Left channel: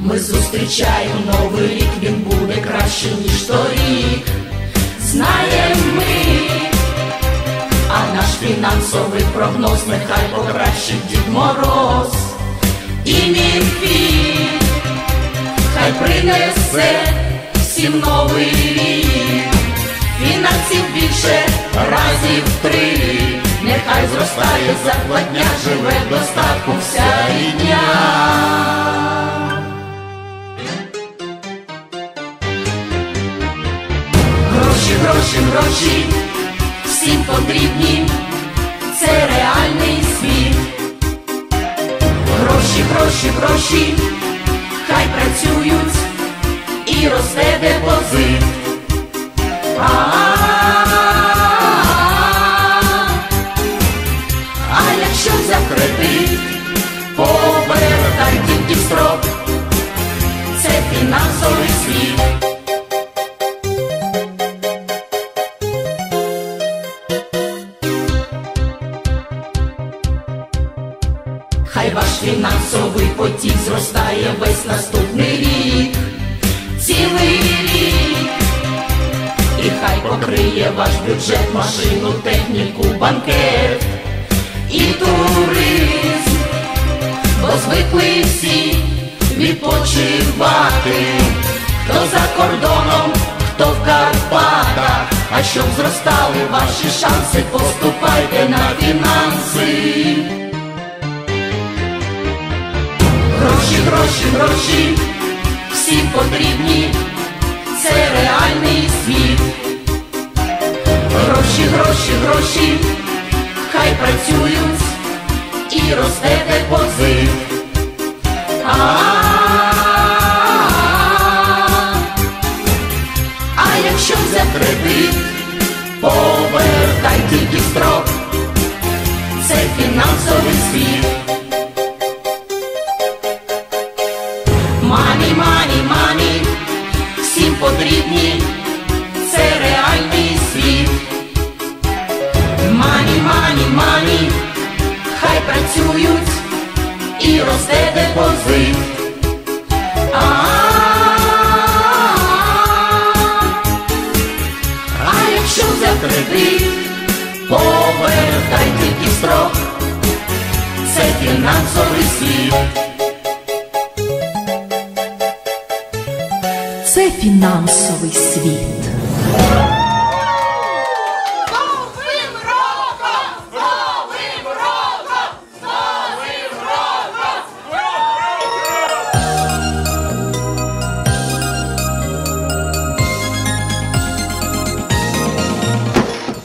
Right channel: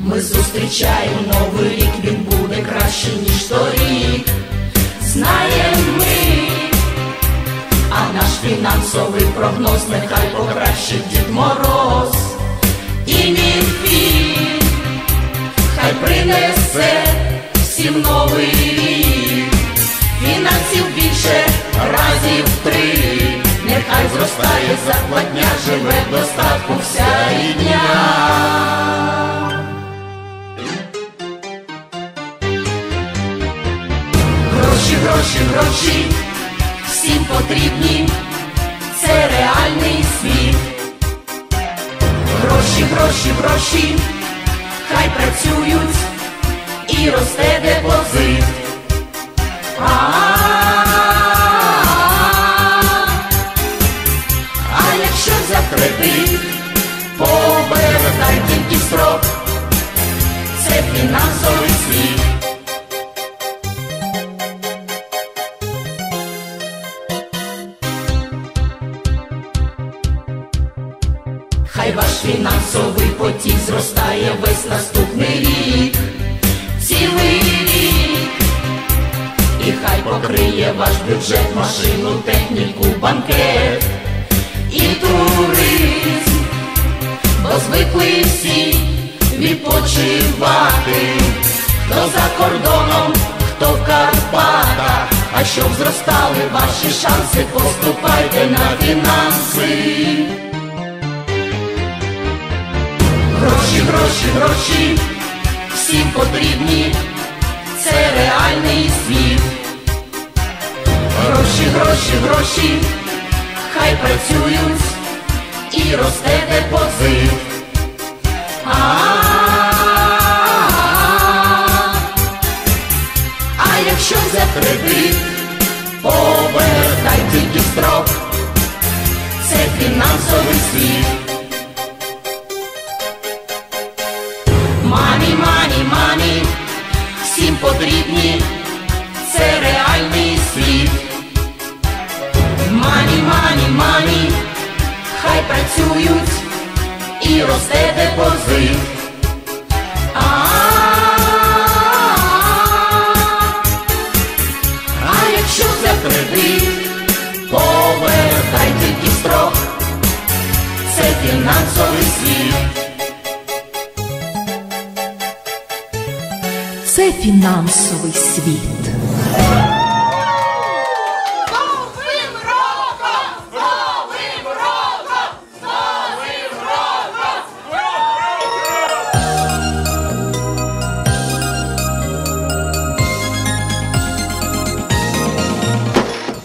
Ми зустрічаємо новий рік, він буде краще, ніж торік. Знаємо ми, а наш фінансовий прогноз нехай покращить Дід Мороз. І він хай принесе всім новий рік. Фінансів більше разів три. Нехай зростає зарплатня, живе достатку вся рідня. Гроші, гроші, гроші, всім потрібні, це реальний світ. Гроші, гроші, гроші, Хай ваш фінансовий потік зростає весь наступний рік, цілий рік, і хай покриє ваш бюджет, машину, техніку, банкет і туризм, бо звикли всі відпочивати, хто за кордоном, хто в Карпатах, а щоб зростали ваші шанси, поступайте на фінанси. Потрібні, це реальний світ. Гроші, гроші, гроші, хай працюють і росте